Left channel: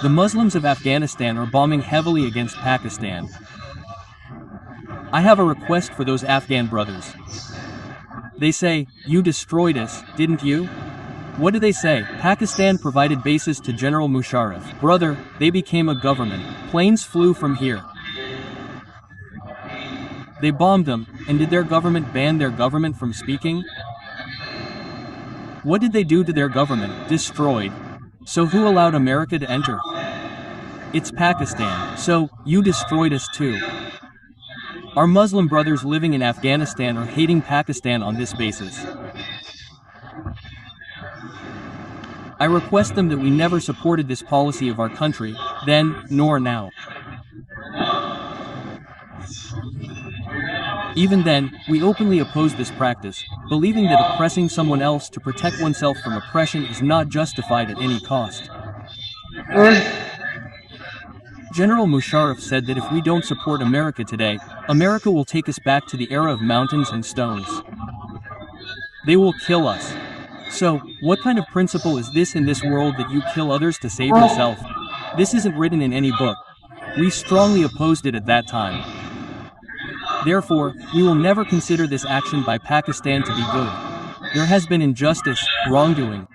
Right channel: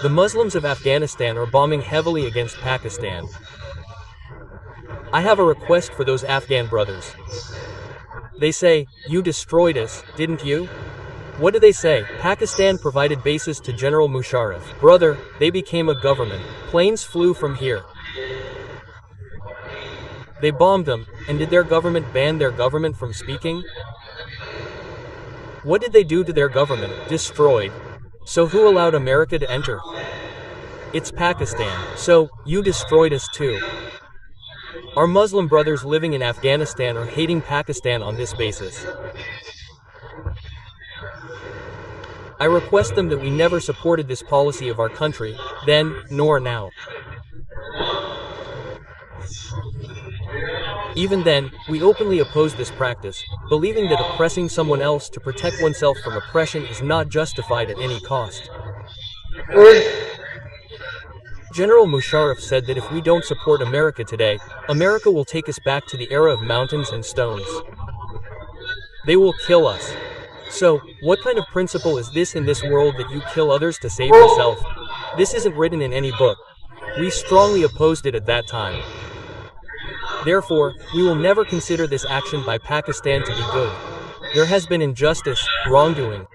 The Muslims of Afghanistan are bombing heavily against Pakistan. I have a request for those Afghan brothers. They say, you destroyed us, didn't you? What do they say? Pakistan provided bases to General Musharraf. Brother, they became a government. Planes flew from here. They bombed them, and did their government ban their government from speaking? What did they do to their government? Destroyed. So who allowed America to enter? It's Pakistan. So, you destroyed us too. Our Muslim brothers living in Afghanistan are hating Pakistan on this basis. I request them that we never supported this policy of our country, then, nor now. Even then, we openly oppose this practice, believing that oppressing someone else to protect oneself from oppression is not justified at any cost. General Musharraf said that if we don't support America today, America will take us back to the era of mountains and stones. They will kill us. So, what kind of principle is this in this world that you kill others to save yourself? This isn't written in any book. We strongly opposed it at that time. Therefore, we will never consider this action by Pakistan to be good. There has been injustice, wrongdoing.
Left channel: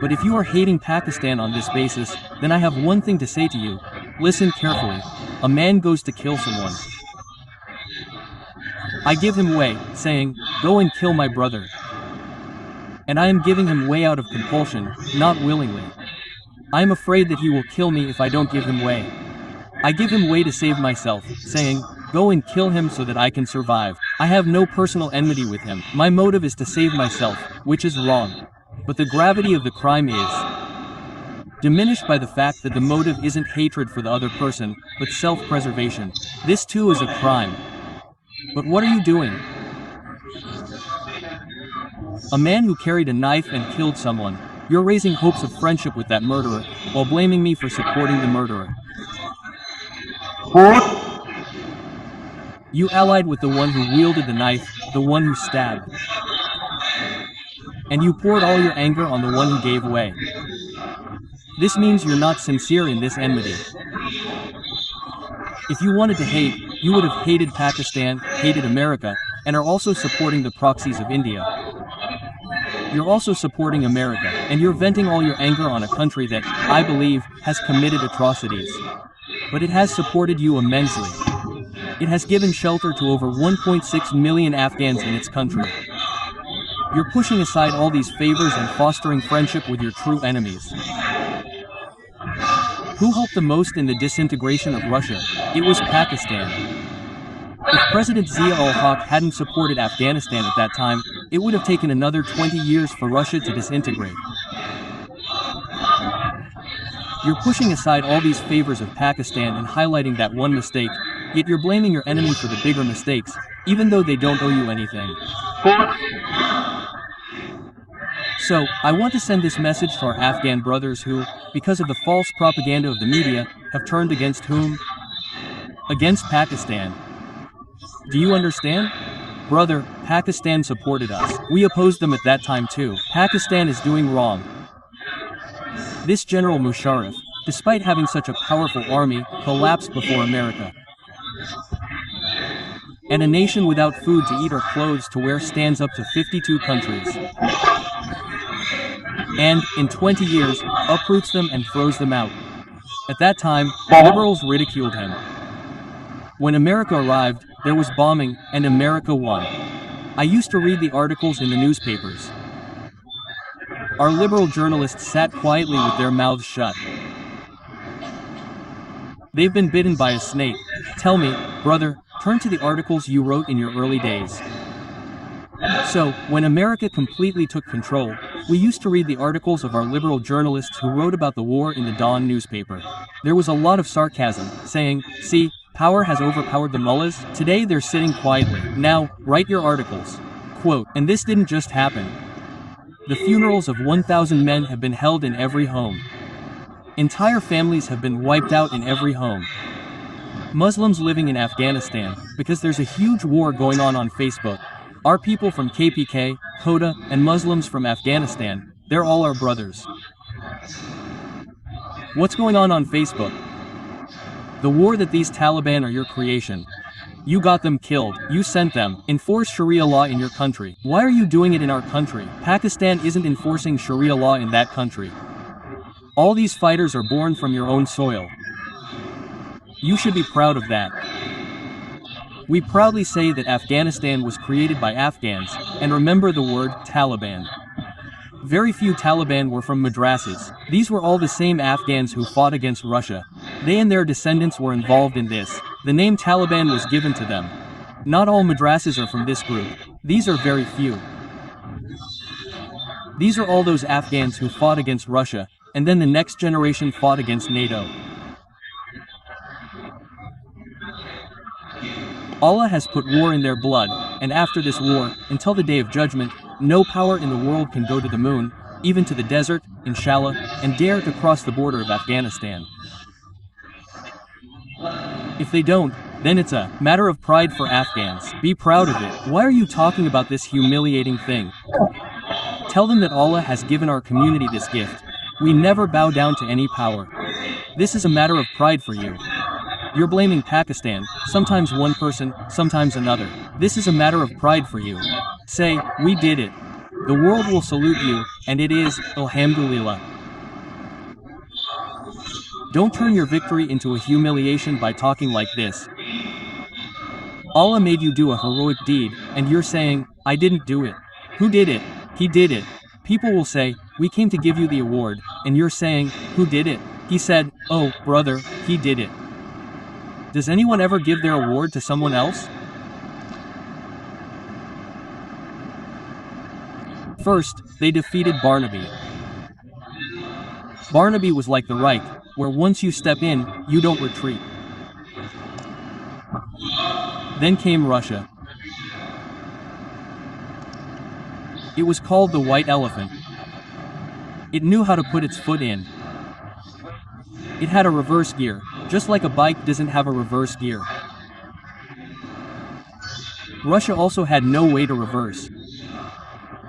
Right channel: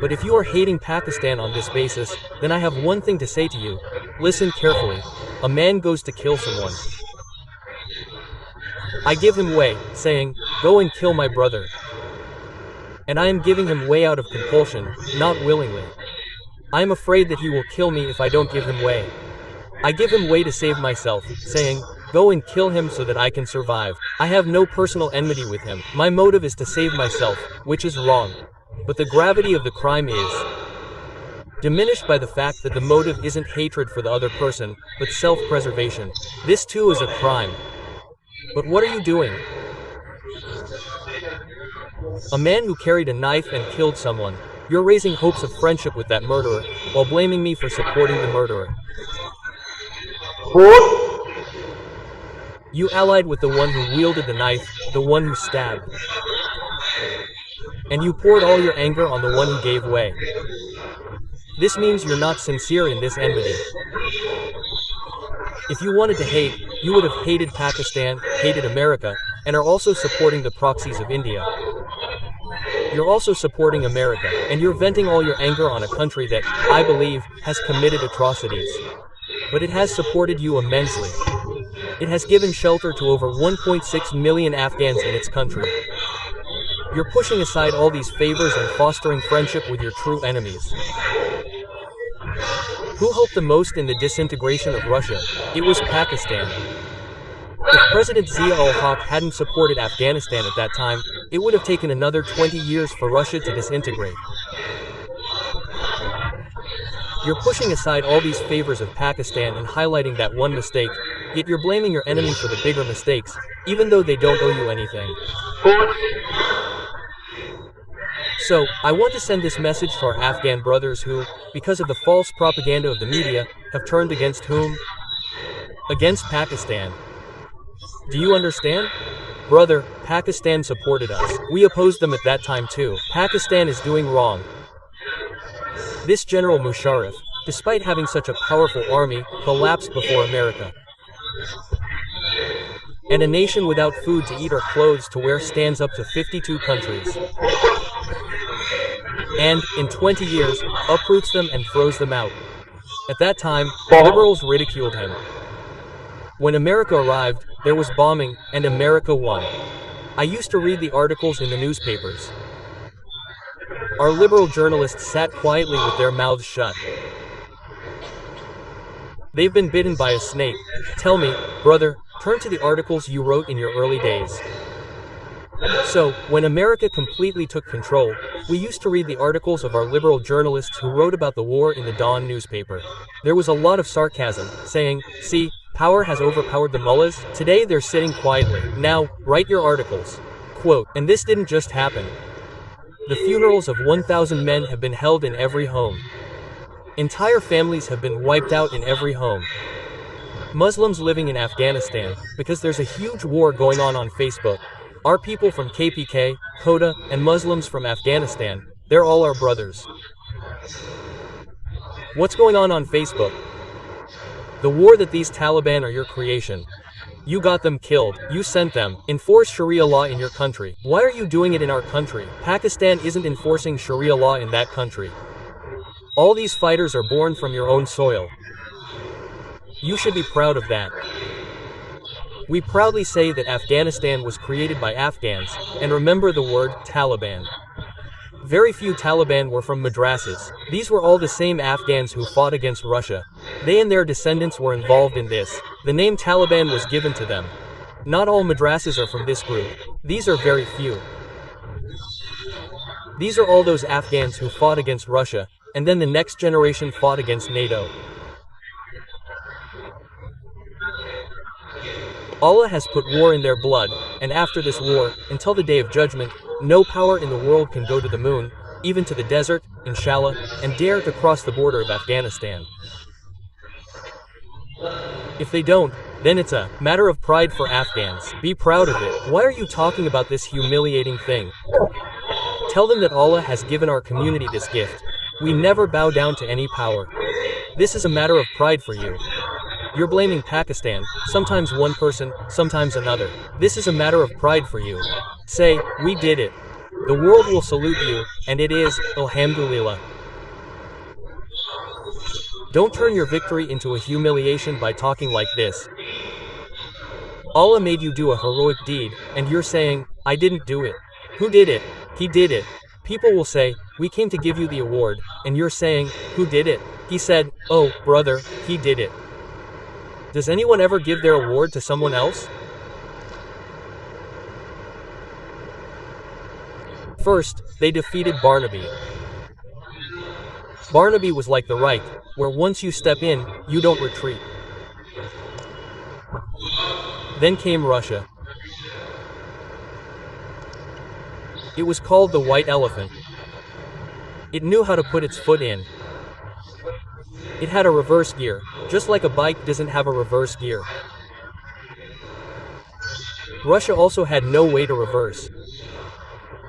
But if you are hating Pakistan on this basis, then I have one thing to say to you. Listen carefully. A man goes to kill someone. I give him way, saying, go and kill my brother. And I am giving him way out of compulsion, not willingly. I am afraid that he will kill me if I don't give him way. I give him way to save myself, saying, go and kill him so that I can survive. I have no personal enmity with him. My motive is to save myself, which is wrong. But the gravity of the crime is diminished by the fact that the motive isn't hatred for the other person, but self-preservation. This too is a crime. But what are you doing? A man who carried a knife and killed someone. You're raising hopes of friendship with that murderer, while blaming me for supporting the murderer. You allied with the one who wielded the knife, the one who stabbed. And you poured all your anger on the one who gave way. This means you're not sincere in this enmity. If you wanted to hate, you would have hated Pakistan, hated America, and are also supporting the proxies of India. You're also supporting America, and you're venting all your anger on a country that, I believe, has committed atrocities. But it has supported you immensely. It has given shelter to over 1.6 million Afghans in its country. You're pushing aside all these favors and fostering friendship with your true enemies. Who helped the most in the disintegration of Russia? It was Pakistan. If President Zia-ul-Haq hadn't supported Afghanistan at that time, it would have taken another 20 years for Russia to disintegrate. You're pushing aside all these favors of Pakistan and highlighting that one mistake, yet you're blaming your enemy for the bigger mistakes, even though they don't owe you anything. So, I want to send this message to our Afghan brothers who, because of the false propaganda of the media, have turned against whom? Against Pakistan. Do you understand? Brother, Pakistan supported us. We opposed them at that time too. Pakistan is doing wrong. This General Musharraf, despite having such a powerful army, collapsed before America. And a nation without food to eat or clothes to wear stands up to 52 countries. And, in 20 years, uproots them and throws them out. At that time, liberals ridiculed him. When America arrived, there was bombing, and America won. I used to read the articles in the newspapers. Our liberal journalists sat quietly with their mouths shut. They've been bitten by a snake. Tell me, brother, turn to the articles you wrote in your early days. So, when America completely took control, we used to read the articles of our liberal journalists who wrote about the war in the Dawn newspaper. There was a lot of sarcasm, saying, see, power has overpowered the mullahs, today they're sitting quietly, now, write your articles. Quote, and this didn't just happen. The funerals of 1,000 men have been held in every home. Entire families have been wiped out in every home. Muslims living in Afghanistan, because there's a huge war going on Facebook. Our people from KPK, Quetta, and Muslims from Afghanistan, they're all our brothers. What's going on Facebook? The war that these Taliban are your creation. You got them killed, you sent them. Enforce Sharia law in your country. Why are you doing it in our country? Pakistan isn't enforcing Sharia law in that country. All these fighters are born from your own soil. You should be proud of that. We proudly say that Afghanistan was created by Afghans, and remember the word Taliban. Very few Taliban were from madrasas. These were all the same Afghans who fought against Russia. They and their descendants were involved in this. The name Taliban was given to them. Not all madrasas are from this group. These are very few. These are all those Afghans who fought against Russia, and then the next generation fought against NATO. Allah has put war in their blood, and after this war, until the day of judgment, no power in the world can go to the moon, even to the desert, inshallah, and dare to cross the border of Afghanistan. If they don't, then it's a matter of pride for Afghans. Be proud of it. Why are you talking about this humiliating thing? Tell them that Allah has given our community this gift. We never bow down to any power. This is a matter of pride for you. You're blaming Pakistan, sometimes one person, sometimes another. This is a matter of pride for you. Say, we did it. The world will salute you, and it is, alhamdulillah. Don't turn your victory into a humiliation by talking like this. Allah made you do a heroic deed, and you're saying, I didn't do it. Who did it? He did it. People will say, we came to give you the award, and you're saying, who did it? He said, oh, brother, he did it. Does anyone ever give their award to someone else? First, they defeated Barnaby. Barnaby was like the Reich, where once you step in, you don't retreat. Then came Russia. It was called the White Elephant. It knew how to put its foot in. It had a reverse gear, just like a bike doesn't have a reverse gear. Russia also had no way to reverse.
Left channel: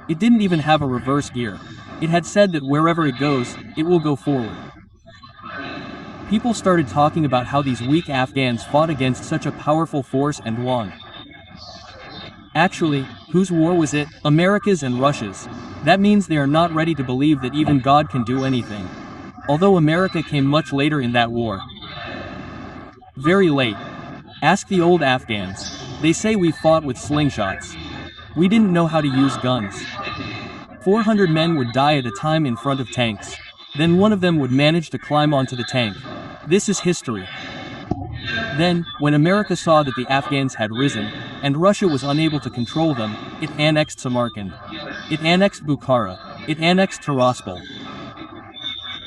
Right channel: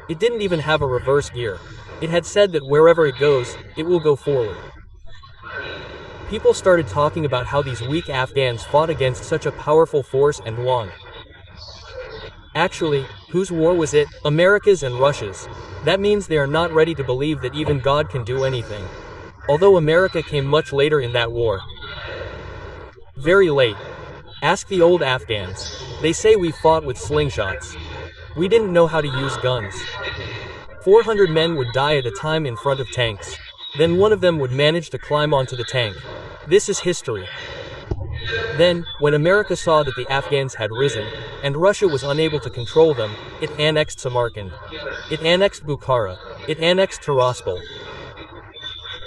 It didn't even have a reverse gear. It had said that wherever it goes, it will go forward. People started talking about how these weak Afghans fought against such a powerful force and won. Actually, whose war was it? America's and Russia's. That means they are not ready to believe that even God can do anything. Although America came much later in that war. Very late. Ask the old Afghans. They say we fought with slingshots. We didn't know how to use guns. 400 men would die at a time in front of tanks. Then one of them would manage to climb onto the tank. This is history. Then, when America saw that the Afghans had risen, and Russia was unable to control them, it annexed Samarkand. It annexed Bukhara. It annexed Tiraspol.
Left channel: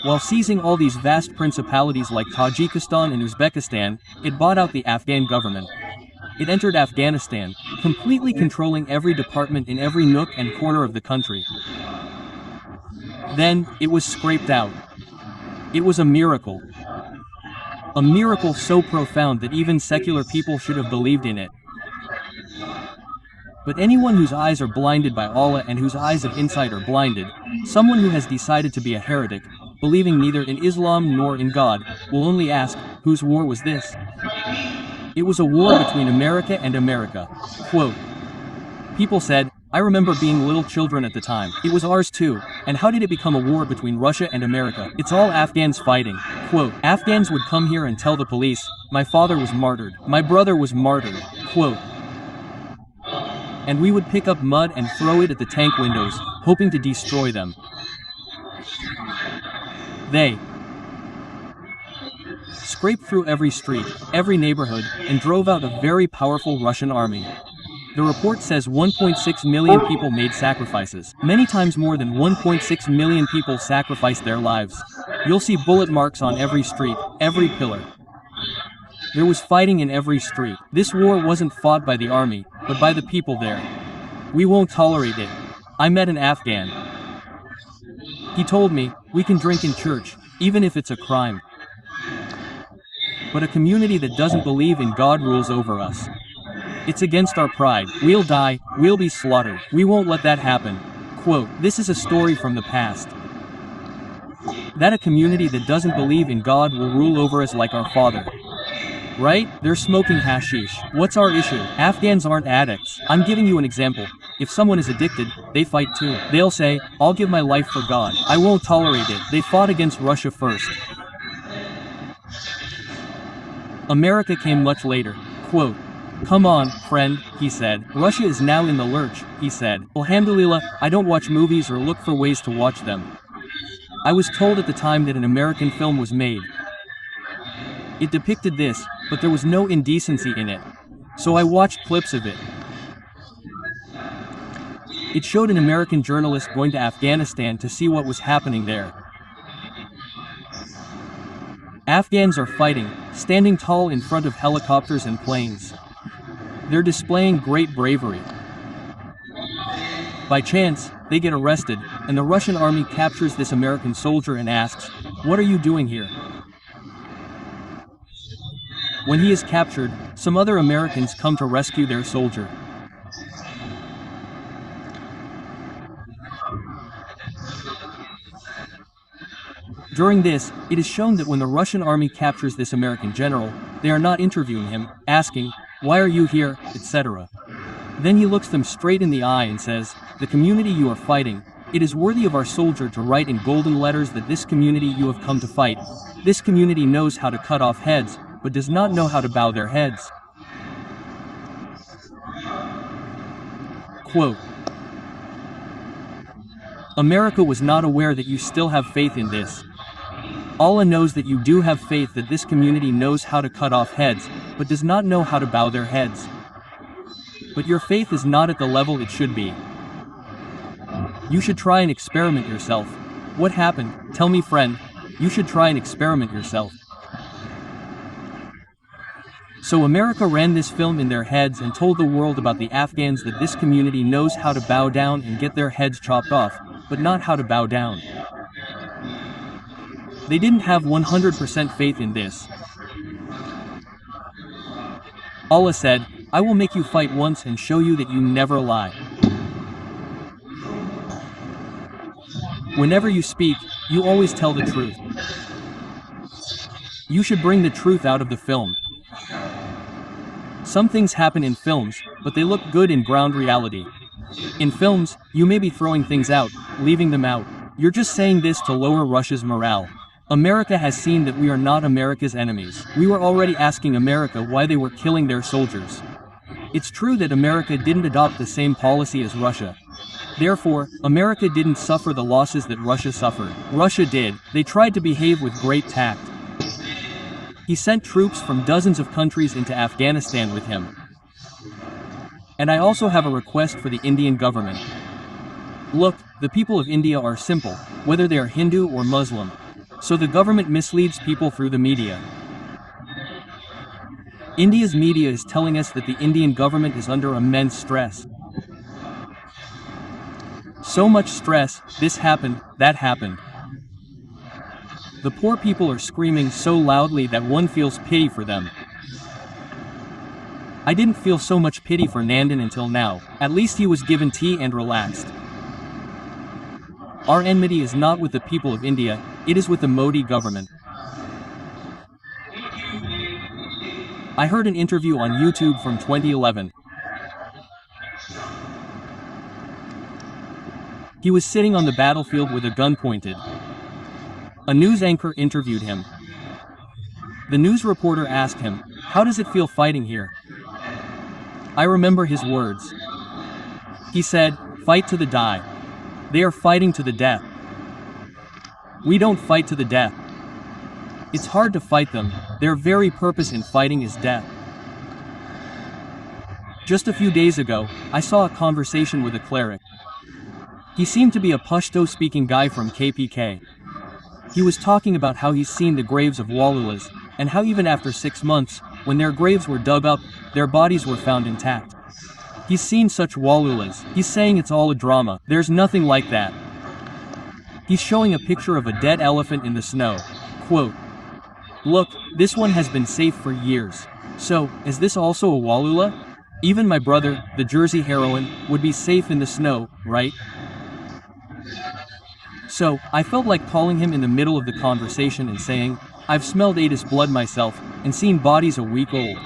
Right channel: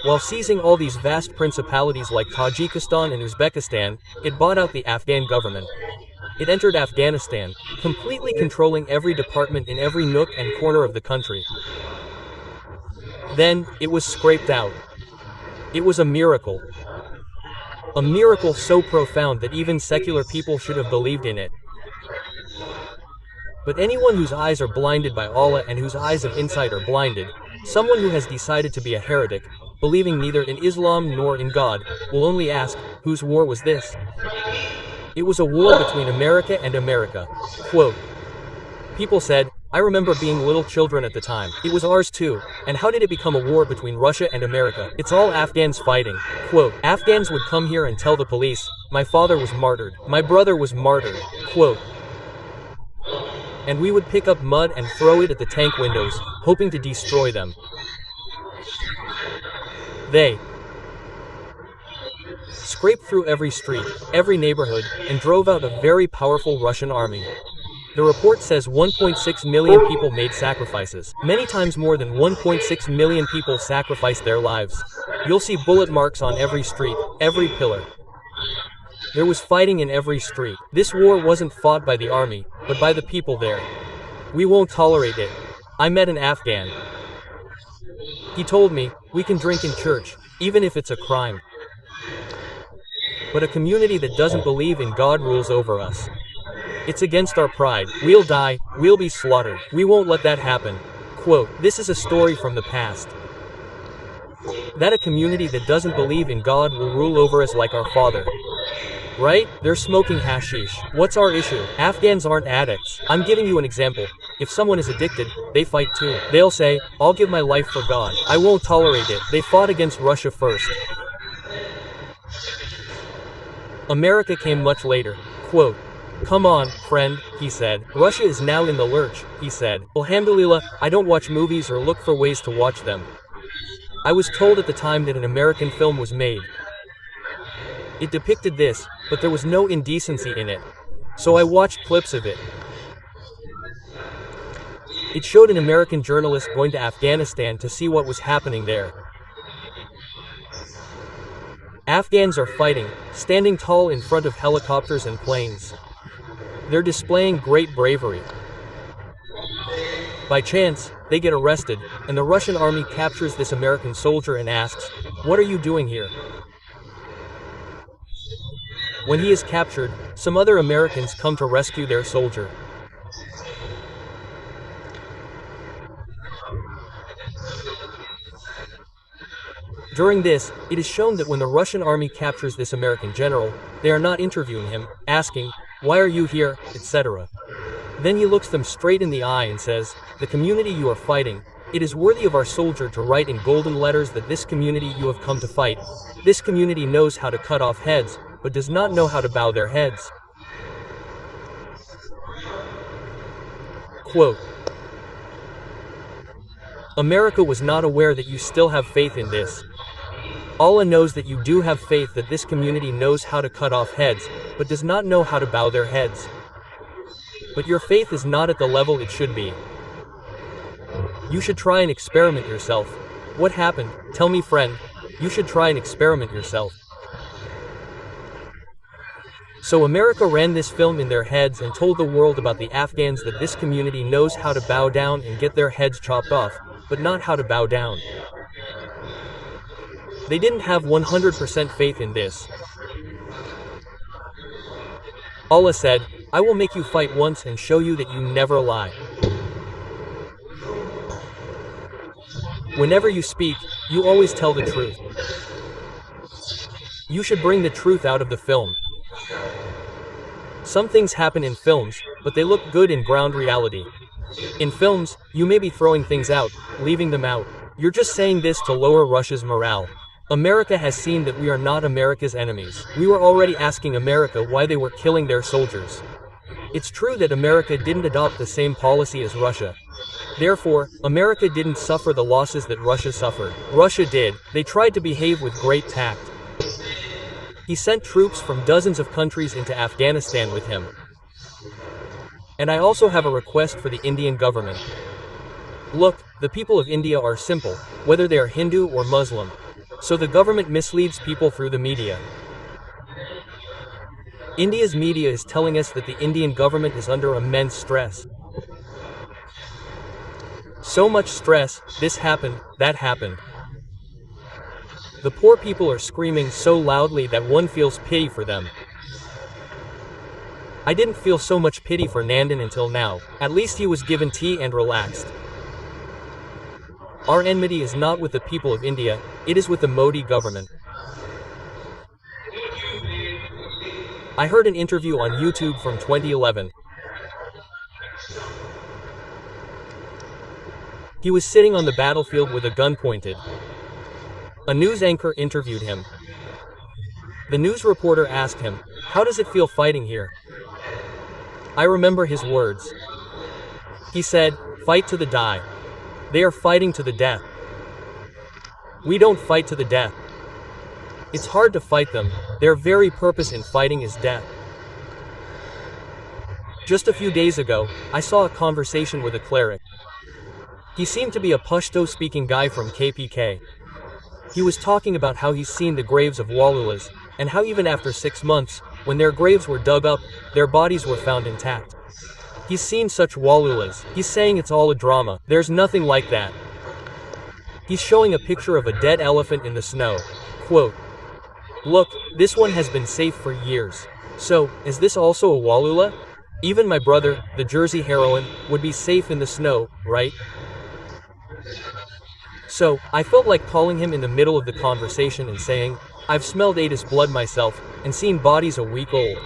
While seizing all these vast principalities like Tajikistan and Uzbekistan, it bought out the Afghan government. It entered Afghanistan, completely controlling every department in every nook and corner of the country. Then, it was scraped out. It was a miracle. A miracle so profound that even secular people should have believed in it. But anyone whose eyes are blinded by Allah and whose eyes of insight are blinded, someone who has decided to be a heretic, believing neither in Islam nor in God, will only ask, whose war was this? It was a war between America and America. Quote, people said, I remember being little children at the time. It was ours too. And how did it become a war between Russia and America? It's all Afghans fighting. Quote, Afghans would come here and tell the police, my father was martyred. My brother was martyred. Quote, and we would pick up mud and throw it at the tank windows, hoping to destroy them. They scraped through every street, every neighborhood, and drove out a very powerful Russian army. The report says 1.6 million people made sacrifices. Many times more than 1.6 million people sacrificed their lives. You'll see bullet marks on every street, every pillar. There was fighting in every street. This war wasn't fought by the army, but by the people there. We won't tolerate it. I met an Afghan. He told me, we can drink in church, even if it's a crime. But a community that doesn't believe in God rules over us. It's against our pride. We'll die, we'll be slaughtered. We won't let that happen. Quote, this is a story from the past. That a community that doesn't believe in God will rule over us like our father. Right? They're smoking hashish. What's our issue? Afghans aren't addicts. I'm giving you an example. If someone is addicted, they fight too. They'll say, I'll give my life for God. I won't tolerate it. They fought against Russia first. America came much later. Quote, come on, friend, he said. Russia is now in the lurch, he said. Alhamdulillah, I don't watch movies or look for ways to watch them. I was told at the time that an American film was made. It depicted this, but there was no indecency in it. So I watched clips of it. It showed an American journalist going to Afghanistan to see what was happening there. Afghans are fighting, standing tall in front of helicopters and planes. They're displaying great bravery. By chance, they get arrested, and the Russian army captures this American soldier and asks, what are you doing here? When he is captured, some other Americans come to rescue their soldier. During this, it is shown that when the Russian army captures this American general, they are not interviewing him, asking, why are you here, etc. Then he looks them straight in the eye and says, the community you are fighting, it is worthy of our soldier to write in golden letters that this community you have come to fight. This community knows how to cut off heads, but does not know how to bow their heads. Quote, America was not aware that you still have faith in this. Allah knows that you do have faith that this community knows how to cut off heads, but does not know how to bow their heads. But your faith is not at the level it should be. You should try and experiment yourself. What happened? Tell me, friend. You should try and experiment yourself. So America ran this film in their heads and told the world about the Afghans that this community knows how to bow down and get their heads chopped off, but not how to bow down. They didn't have 100% faith in this. Allah said, I will make you fight once and show you that you never lie. Whenever you speak, you always tell the truth. You should bring the truth out of the film. Some things happen in films, but they look good in ground reality. In films, you may be throwing things out, leaving them out. You're just saying this to lower Russia's morale. America has seen that we are not America's enemies. We were already asking America why they were killing their soldiers. It's true that America didn't adopt the same policy as Russia. Therefore, America didn't suffer the losses that Russia suffered. Russia did. They tried to behave with great tact. He sent troops from dozens of countries into Afghanistan with him. And I also have a request for the Indian government. Look, the people of India are simple, whether they are Hindu or Muslim. So the government misleads people through the media. India's media is telling us that the Indian government is under immense stress. So much stress, this happened, that happened. The poor people are screaming so loudly that one feels pity for them. I didn't feel so much pity for Nandan until now. At least he was given tea and relaxed. Our enmity is not with the people of India, it is with the Modi government. I heard an interview on YouTube from 2011. He was sitting on the battlefield with a gun pointed. A news anchor interviewed him. The news reporter asked him, how does it feel fighting here? I remember his words. He said, fight to the die. They are fighting to the death. We don't fight to the death. It's hard to fight them, their very purpose in fighting is death. Just a few days ago, I saw a conversation with a cleric. He seemed to be a Pashto-speaking guy from KPK. He was talking about how he's seen the graves of Walulas, and how even after 6 months, when their graves were dug up, their bodies were found intact. He's seen such Walulas. He's saying it's all a drama. There's nothing like that. He's showing a picture of a dead elephant in the snow. Quote, look, this one has been safe for years. So, is this also a Walula? Even my brother, the Jersey heroine, would be safe in the snow, right? So, I felt like calling him in the middle of the conversation and saying, I've smelled Adis blood myself, and seen bodies a week old.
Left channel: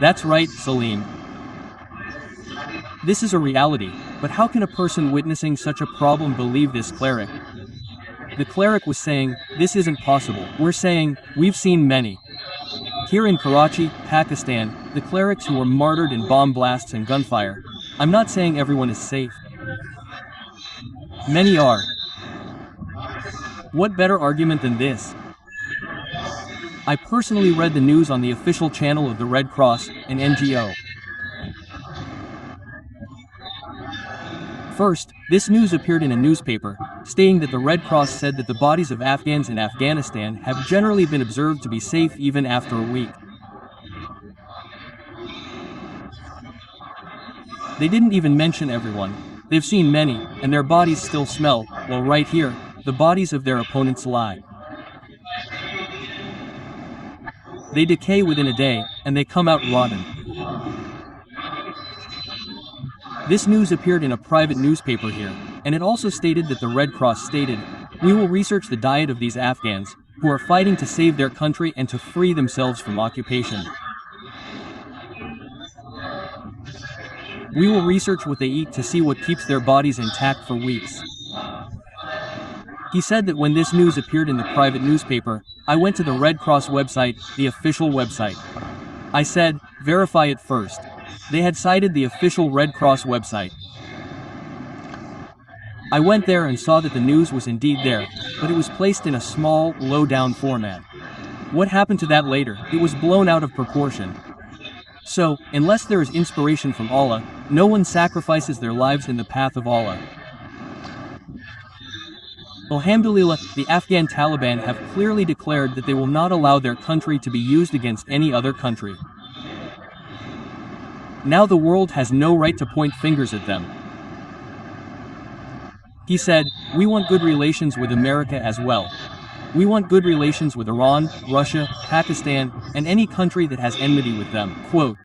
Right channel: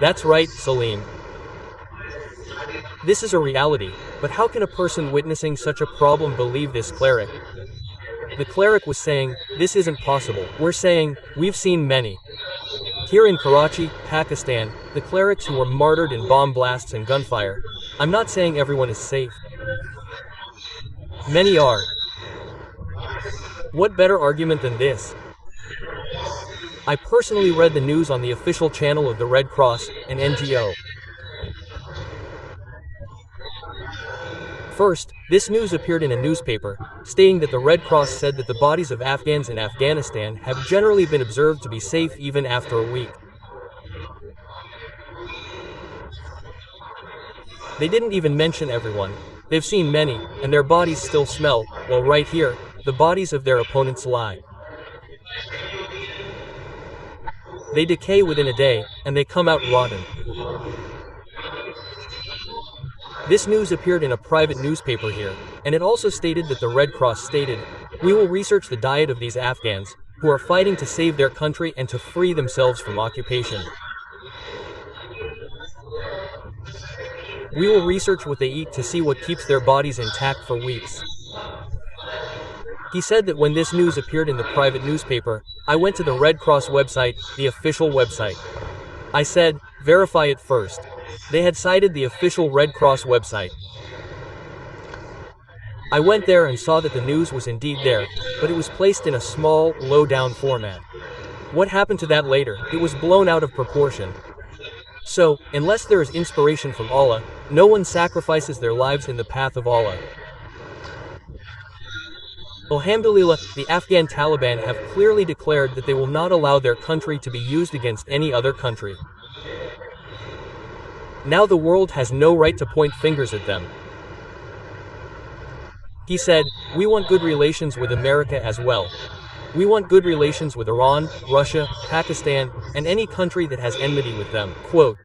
That's right, Salim. This is a reality, but how can a person witnessing such a problem believe this cleric? The cleric was saying, this isn't possible. We're saying, we've seen many. Here in Karachi, Pakistan, the clerics who were martyred in bomb blasts and gunfire. I'm not saying everyone is safe. Many are. What better argument than this? I personally read the news on the official channel of the Red Cross, an NGO. First, this news appeared in a newspaper, stating that the Red Cross said that the bodies of Afghans in Afghanistan have generally been observed to be safe even after a week. They didn't even mention everyone. They've seen many, and their bodies still smell, while right here, the bodies of their opponents lie. They decay within a day, and they come out rotten. This news appeared in a private newspaper here, and it also stated that the Red Cross stated, we will research the diet of these Afghans, who are fighting to save their country and to free themselves from occupation. We will research what they eat to see what keeps their bodies intact for weeks. He said that when this news appeared in the private newspaper, I went to the Red Cross website, the official website. I said, verify it first. They had cited the official Red Cross website. I went there and saw that the news was indeed there, but it was placed in a small, low-down format. What happened to that later? It was blown out of proportion. So, unless there is inspiration from Allah, no one sacrifices their lives in the path of Allah. Alhamdulillah, the Afghan Taliban have clearly declared that they will not allow their country to be used against any other country. Now the world has no right to point fingers at them. He said, we want good relations with America as well. We want good relations with Iran, Russia, Pakistan, and any country that has enmity with them. Quote,